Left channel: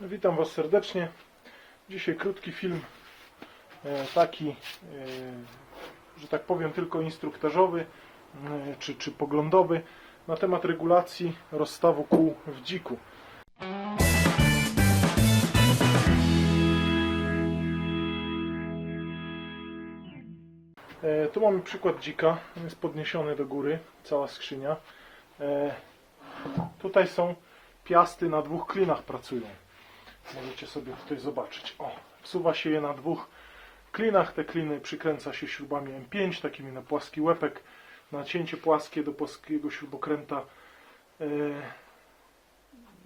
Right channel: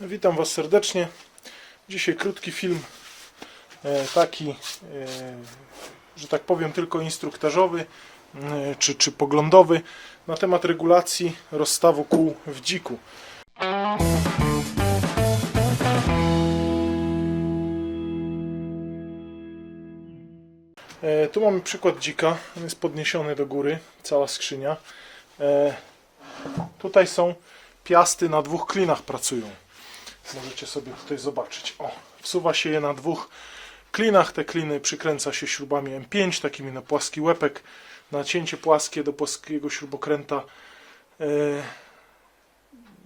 Witam Was serdecznie. Dzisiaj krótki film, e, taki, e, że tak powiem, tylko instruktażowy e, czy, czy poglądowy na temat regulacji rozstawu kół w dziku. Tu mamy przykład dzika, on jest podniesiony do góry, cała skrzynia. Tutaj są piasty na dwóch klinach pracują. Możecie sobie tutaj zobaczyć. O, wsuwa się je na dwóch klinach. Te kliny przykręca się śrubami M5, takimi na płaski łepek. Nacięcie płaskie do płaskiego śrubokręta. E,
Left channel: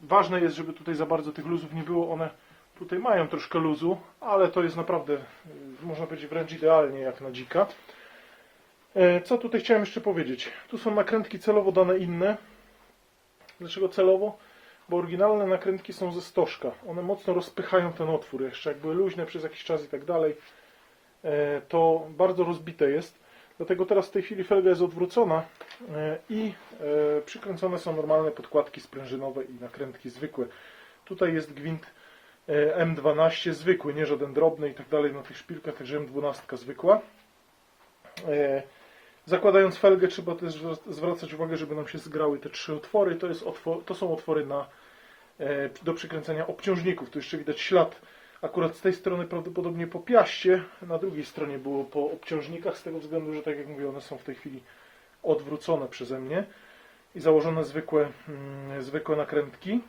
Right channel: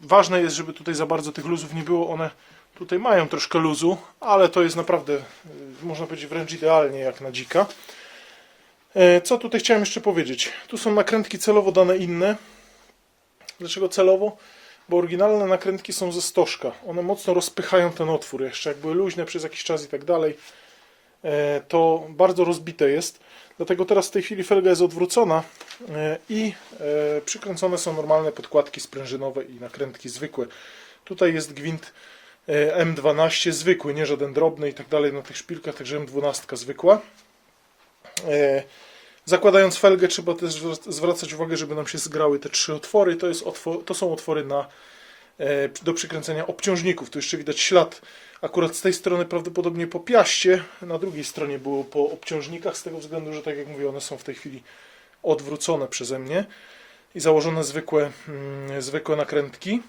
ważne jest, żeby tutaj za bardzo tych luzów nie było. One tutaj mają troszkę luzu, ale to jest naprawdę, e, można powiedzieć, wręcz idealnie jak na dzika. E, Co tutaj chciałem jeszcze powiedzieć? Tu są nakrętki celowo dane inne. Dlaczego celowo? Bo oryginalne nakrętki są ze stożka. One mocno rozpychają ten otwór. Jeszcze jak były luźne przez jakiś czas i tak dalej, e, to bardzo rozbite jest. Dlatego teraz w tej chwili felga jest odwrócona e, i e, przykręcone są normalne podkładki sprężynowe i nakrętki zwykłe. Tutaj jest gwint e, M12 zwykły, nie żaden drobny i tak dalej na tych szpilkach, także M12 zwykła. Zakładając felgę trzeba też zwra- zwracać uwagę, żeby nam się zgrały te trzy otwory. To, jest otwor, to są otwory na, e, do przykręcenia obciążników. Tu jeszcze widać ślad akurat z tej strony prawdopodobnie po piaście, na drugiej stronie było po obciążnikach, z tego względu, że tak jak mówię, one są w tej chwili odwrócone przeze mnie i założone zwykłe, mm, zwykłe nakrętki.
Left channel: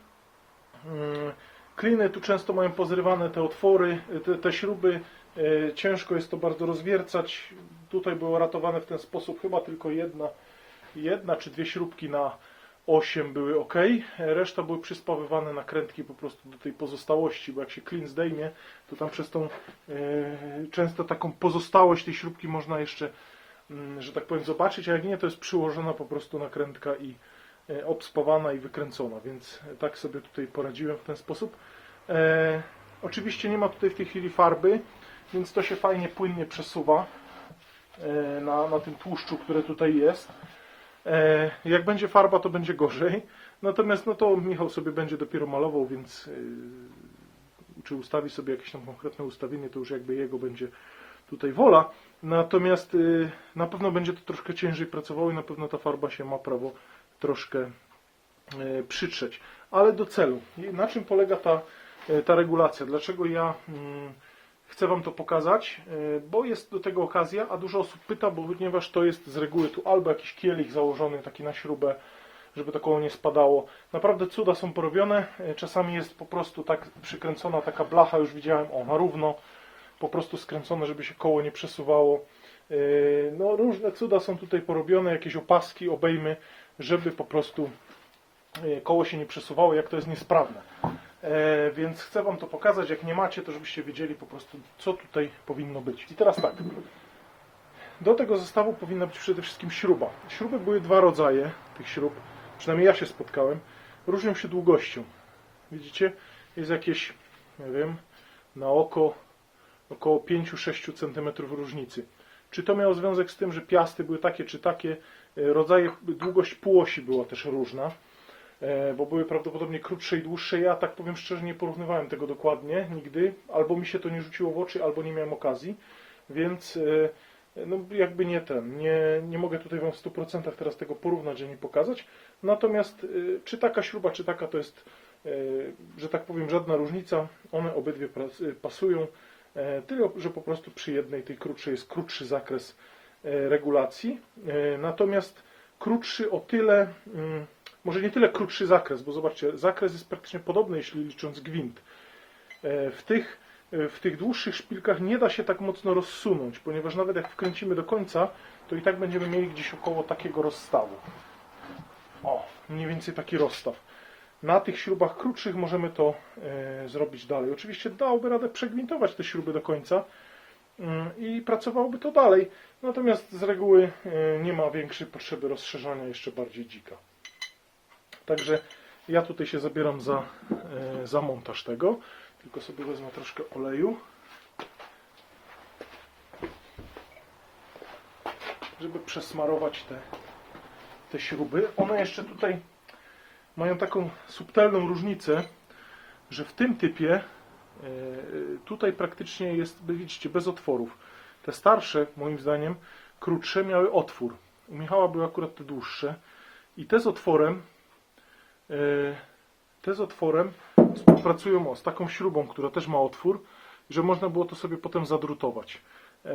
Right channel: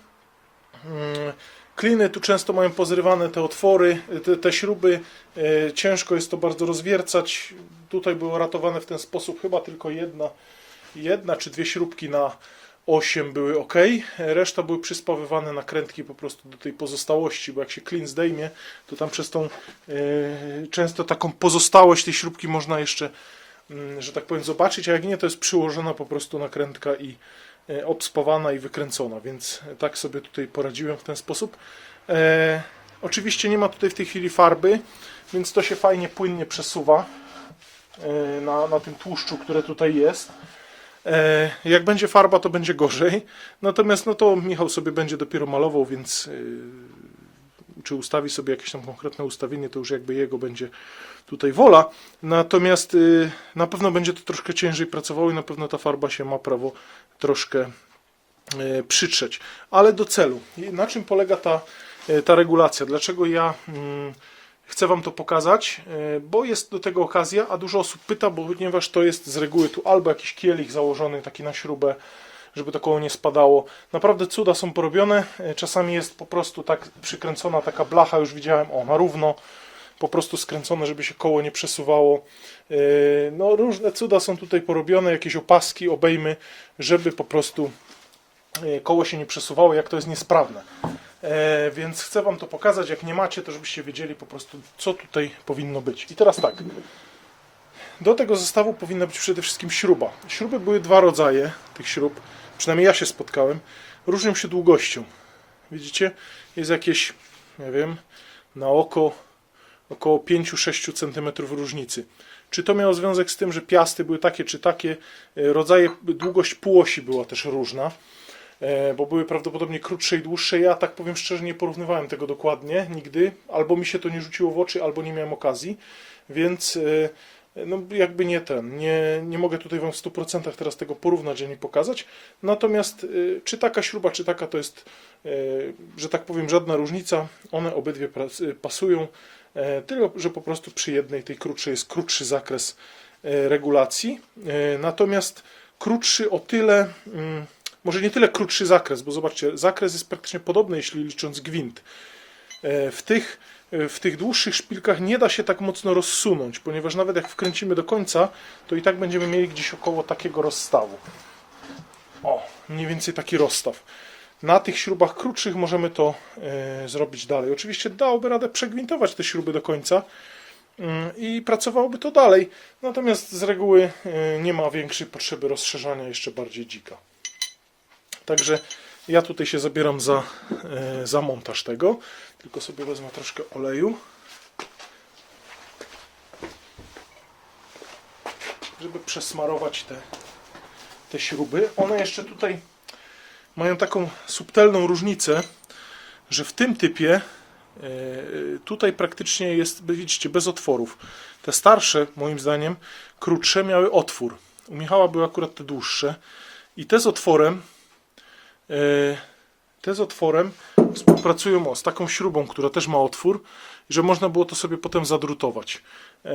Kliny tu często mają pozrywane te otwory, te, te śruby. E, Ciężko jest to bardzo rozwiercać. Tutaj było ratowane w ten sposób chyba tylko jedna, jedna czy dwie śrubki na 8 były ok. Reszta były przyspawywane nakrętki po prostu do tej pozostałości, bo jak się klin zdejmie, to tam przez tą e, często taką pozostałość tej śrubki można jeszcze, mm, że tak powiem, zobaczyć, a jak nie, to jest przyłożona po prostu nakrętka i obspawana i wykręcona, więc tak sobie tutaj poradziłem w ten sposób. E, oczywiście nie ma tutaj w tej chwili farby, więc to się fajnie, płynnie przesuwa e, na, na tym tłuszczu, które tutaj jest. E, jak będzie farba, to będzie gorzej. Natomiast no to Michał sobie będzie dopiero malował, więc e, czy ustawi sobie jakieś tam konkretne ustawienie, to już jakby jego będzie tutaj wola. Natomiast y, na pewno będzie to troszkę ciężej pracowało i na pewno ta farba się ma prawo troszkę y, przytrzeć. Ale do celu. Na czym polega ta, y, ta regulacja? Dlaczego ja mm, chcę Wam to pokazać? Bo jest do tego okazja, a dużo osób pyta, bo ponieważ to jest z reguły tu albo jakiś kielich założony taki na śrubę, żeby to koło nie spadało. Naprawdę cuda są porobione. Czasami jest po prostu tak przykręcona taka blacha, już widziałem, o, na równo po prostu skręcone, żeby się koło nie przesuwało. Yy, No, różne cuda są tutaj porobione, jakieś opaski, obejmy, żeby po prostu yy, koło się nie przesuwało, jak to jest niesprawne. Yy, Więc chcę Wam to pokazać. Jak nie macie, to żebyście wiedzieli po prostu, co tutaj powinno być. I teraz tak. Do tego zestawu powinna być przede wszystkim śruba. Śruby były dwa rodzaje tych śrub, przynajmniej ja się spotkałem. Różnią się długością. Widzicie? Jest jakieś, nie wiem, na oko około 5-6 cm różnicy. Czy to miało związek z tym, że piasty były takie czy takie, e, rodzaje, długość półosi była też różna, e, bo były prawdopodobnie krótsze i dłuższe. Ja tak powiem szczerze nie porównywałem tego dokładnie nigdy, albo mi się to nie rzuciło w oczy, albo nie miałem okazji, więc e, no jakby nie ten, nie, nie mogę tutaj Wam w 100% teraz tego porównać ani pokazać. Natomiast czy taka śruba, czy taka to jest, że tak powiem, żadna różnica. One obydwie pasują. E, Tyle, że po prostu przy jednej, tej krótszej, jest krótszy zakres e, regulacji. E, Natomiast krótszy o tyle, mm, może nie tyle krótszy zakres, bo zobaczcie, zakres jest praktycznie podobny, jeśli licząc gwint. W tych, w tych dłuższych szpilkach nie da się tak mocno rozsunąć, ponieważ nawet jak wkręcimy do końca, to i tak będziemy mieli gdzieś około takiego rozstawu. O, mniej więcej taki rozstaw. Na tych śrubach krótszych możemy to e, zrobić dalej. Oczywiście dałoby radę przegwintować te śruby do końca mm, i pracowałoby to dalej. Natomiast z reguły e, nie ma większej potrzeby rozszerzania jeszcze bardziej dzika. Także ja tutaj się zabieram za, e, za montaż tego. Tylko sobie wezmę troszkę oleju. Żeby przesmarować te, te śruby. One jeszcze tutaj mają taką subtelną różnicę, że w tym typie e, tutaj praktycznie jest, widzicie, bez otworów. Te starsze, moim zdaniem, krótsze miały otwór. U Michała były akurat te dłuższe. I te z otworem, e, te z otworem współpracują z taką śrubą, która też ma otwór, że można było to sobie potem zadrutować. E,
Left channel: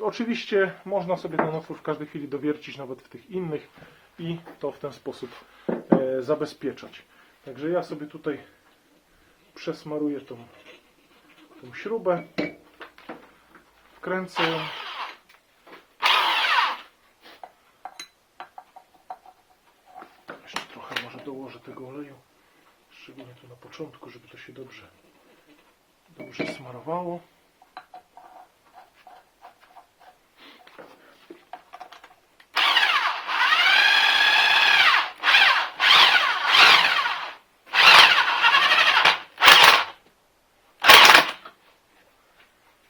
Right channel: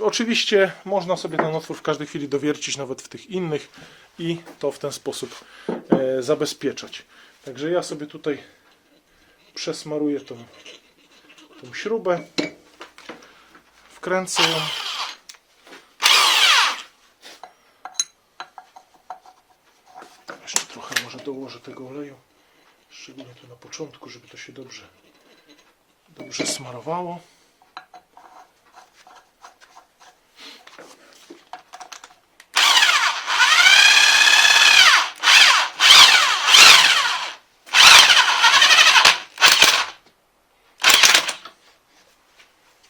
oczywiście można sobie ten otwór w każdej chwili dowiercić, nawet w tych innych i to w ten sposób zabezpieczać. Także ja sobie tutaj przesmaruję tą, tą śrubę, wkręcę ją. Jeszcze trochę może dołożę tego oleju, szczególnie tu na początku, żeby to się dobrze, dobrze smarowało.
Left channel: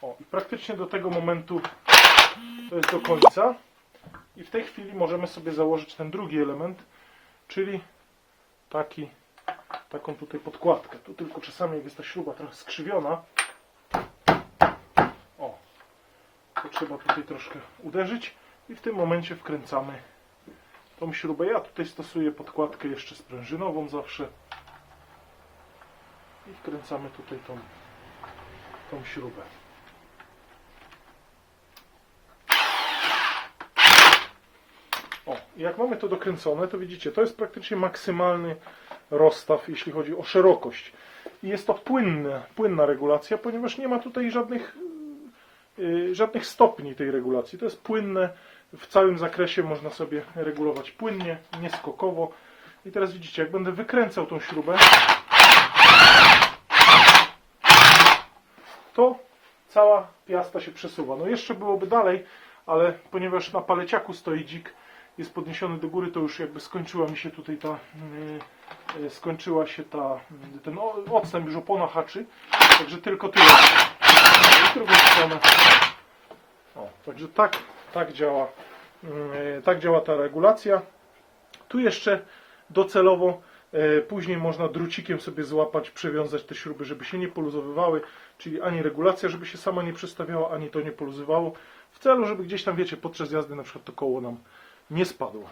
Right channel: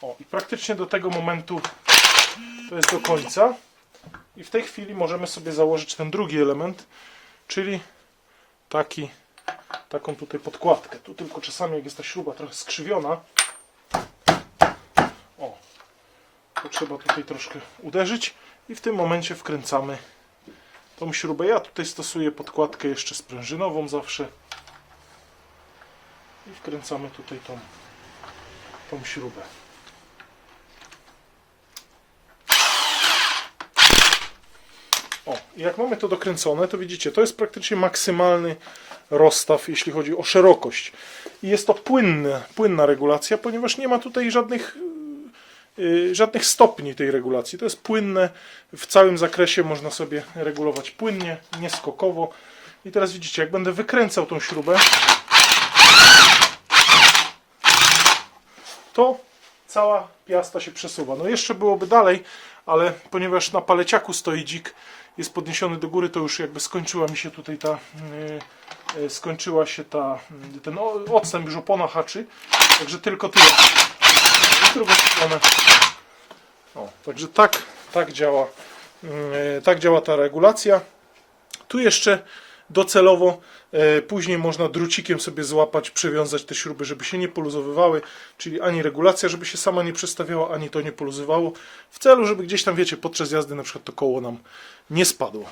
O, i praktycznie do tego momentu to jest do końca. I w tej chwili możemy sobie założyć ten drugi element, czyli taki, taką tutaj podkładkę. Tu tylko czasami, jak jest ta śruba trochę skrzywiona, o, to trzeba tutaj troszkę uderzyć i w tym momencie wkręcamy tą śrubę. Ja tutaj stosuję podkładkę jeszcze sprężynową zawsze i wkręcamy tutaj tą, tą śrubę. O, jak mamy to dokręcone, to widzicie, to jest praktycznie maksymalny rozstaw, jeśli chodzi o szerokość. I jest to płynne, płynna regulacja, ponieważ nie ma tutaj żadnych, yy, żadnych stopni tej regulacji. To jest płynne, w całym zakresie można sobie regulować płynnie, nieskokowo. I teraz widzicie, jak będę wykręcał tą śrubę, to cała piasta się przesuwa. No jeszcze byłoby dalej, ale ponieważ na paleciaku stoi dzik, jest podniesiony do góry, to już jakby skończyła mi się tutaj ta, yy, yy, skończyła się ta, yy, ten odstęp, już opona haczy, także tylko tyle. W drugą stronę. O, także tak, tak działa, yy, tak działa ta regulacja. Tu jeszcze docelowo e, później można drucikiem sobie złapać, przewiązać te śruby, żeby się nie poluzowywały, czyli ani regulacja, żeby się sama nie przestawiała, ani to nie poluzowało, w celu, żeby gdzieś tam, wiecie, podczas jazdy na przykład to koło nam nie spadło.